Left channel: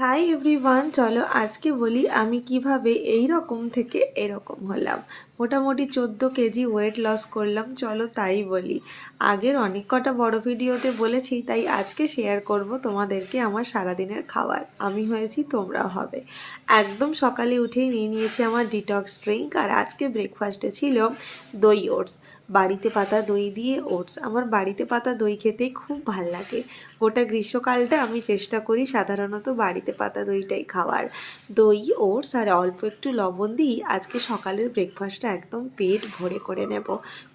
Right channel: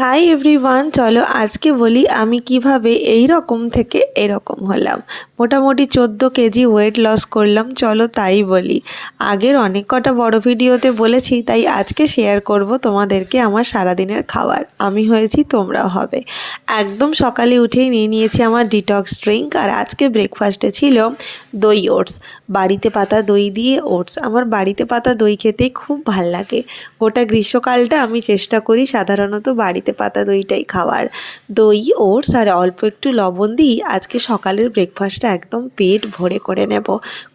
Hi everyone, চলো আজকে বলি আমি কিভাবে এই রকম থেকে এরকম হলাম। মোটামুটি 14 কেজি ওয়েট লস করলাম। চলো তাই বলি। আগের অনেক কটা বড় ভিডিওতে বলেছি, তাই আজকে শেয়ার করব তোমাদেরকে আমার সারাদিনের খাবার। আমি হয়েছি, তোমরাও হবে। একদম সকালে উঠেই নিয়ে নিয়েছি আমার ডিটক্স ড্রিঙ্ক। আর আজকে ব্রেকফাস্টে ছিল দই ওটস, বাড়িতে পাতা দই দিয়ে ওটস। আমার বাড়িতে পাতা দই খেতেই খুব ভাল লাগে। গোটা গ্রীষ্মকালটা আমি চেষ্টা করি সাধারণত বাড়িতে পাতা দইটাই খাওয়ার। দই ওটস আর অল্প একটু লবণ দিই আজকে সকালের ব্রেকফাস্টটা একদম পেট ভরে করে নেব।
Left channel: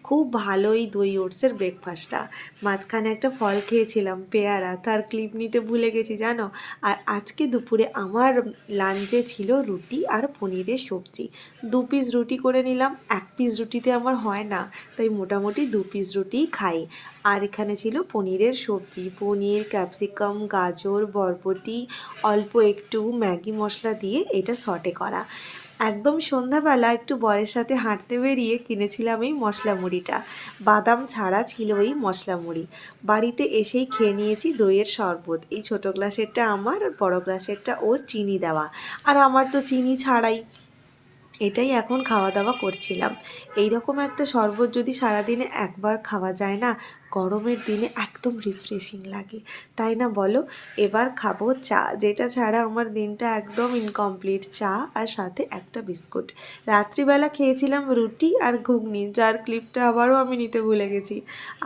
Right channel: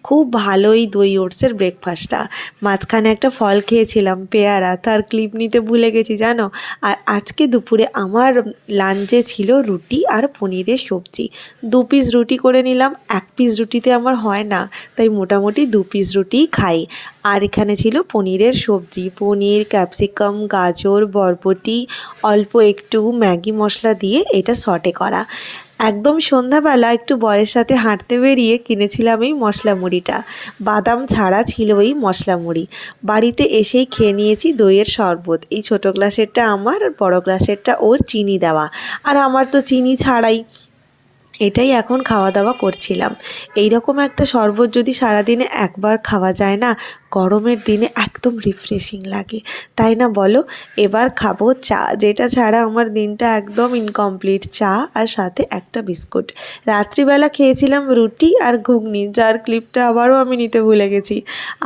খুব ভালোই দই ওটসের ব্রেকফাস্টটা। মাঝখানে একটা ফল খেয়েছিলাম, পেয়ারা, তার ক্লিপ নিতে ভুলে গেছি জানো। আর আজকে দুপুরে আমার লাঞ্চে ছিল রুটি আর পনিরের সবজি। 2 পিস রুটি করে নিলাম। 1 পিস রুটিতে আমার হয় না, তাই মোটামুটি 2 পিস রুটিই খাই। আর এখানে ছিল পনিরের সবজি, পনির, ক্যাপসিকাম, গাজর, বরবটি, অল্প একটু ম্যাগি মশলা দিয়ে এটা সটে করা। একদম সন্ধ্যাবেলা একটু বরের সাথে হাঁটতে বেরিয়ে কিনেছিলাম এই মশলা মুড়িটা। বাদাম ছাড়া ছিল এই মশলা মুড়ি। বাড়িতে এসেই খেয়ে নিয়েছি দইয়ের শরবত। এই ছোটো গ্লাসেরটা আমার আর বড়ো গ্লাসেরটা ওর, চিনি দেওয়া। আর আমার তো চিনি ছাড়াই। এটাই এখন খাওয়া দাওয়া করছিলাম। এই রকম একটা শরবত যদি সারাদিনে একবার খাওয়া যায় না, গরমের দিনে একদম রিফ্রেশিং লাগে, তাই না বলো? এবার খাবো চা, যেটা ছাড়া আমার দিনটা একদম ইনকমপ্লিট। চা আর সাথে একটা বিস্কুট। রাত্রিবেলা খেয়েছিলাম রুটি আর ঘুগনি, যার ক্লিপটা আবারও আমি নিতে ভুলে গেছি।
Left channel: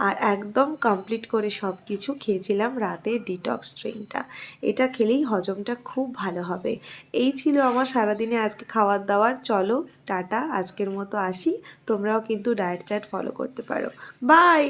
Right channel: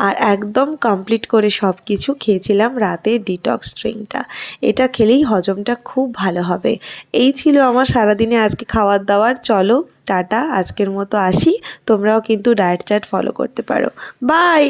আর একদম কমপ্লিট করে সব কিছু খেয়েছিলাম রাতে ডিটক্স ড্রিঙ্কটা। এটা খেলেই হজমটা খুব ভালো হবে। এই ছিল আমার সারাদিনে আজকে খাওয়ার দাওয়ার। চলো টাটা, আজকের মতো আসি। তোমরাও কিন্তু ডায়েট চার্ট ফলো করতে পারো। বাই।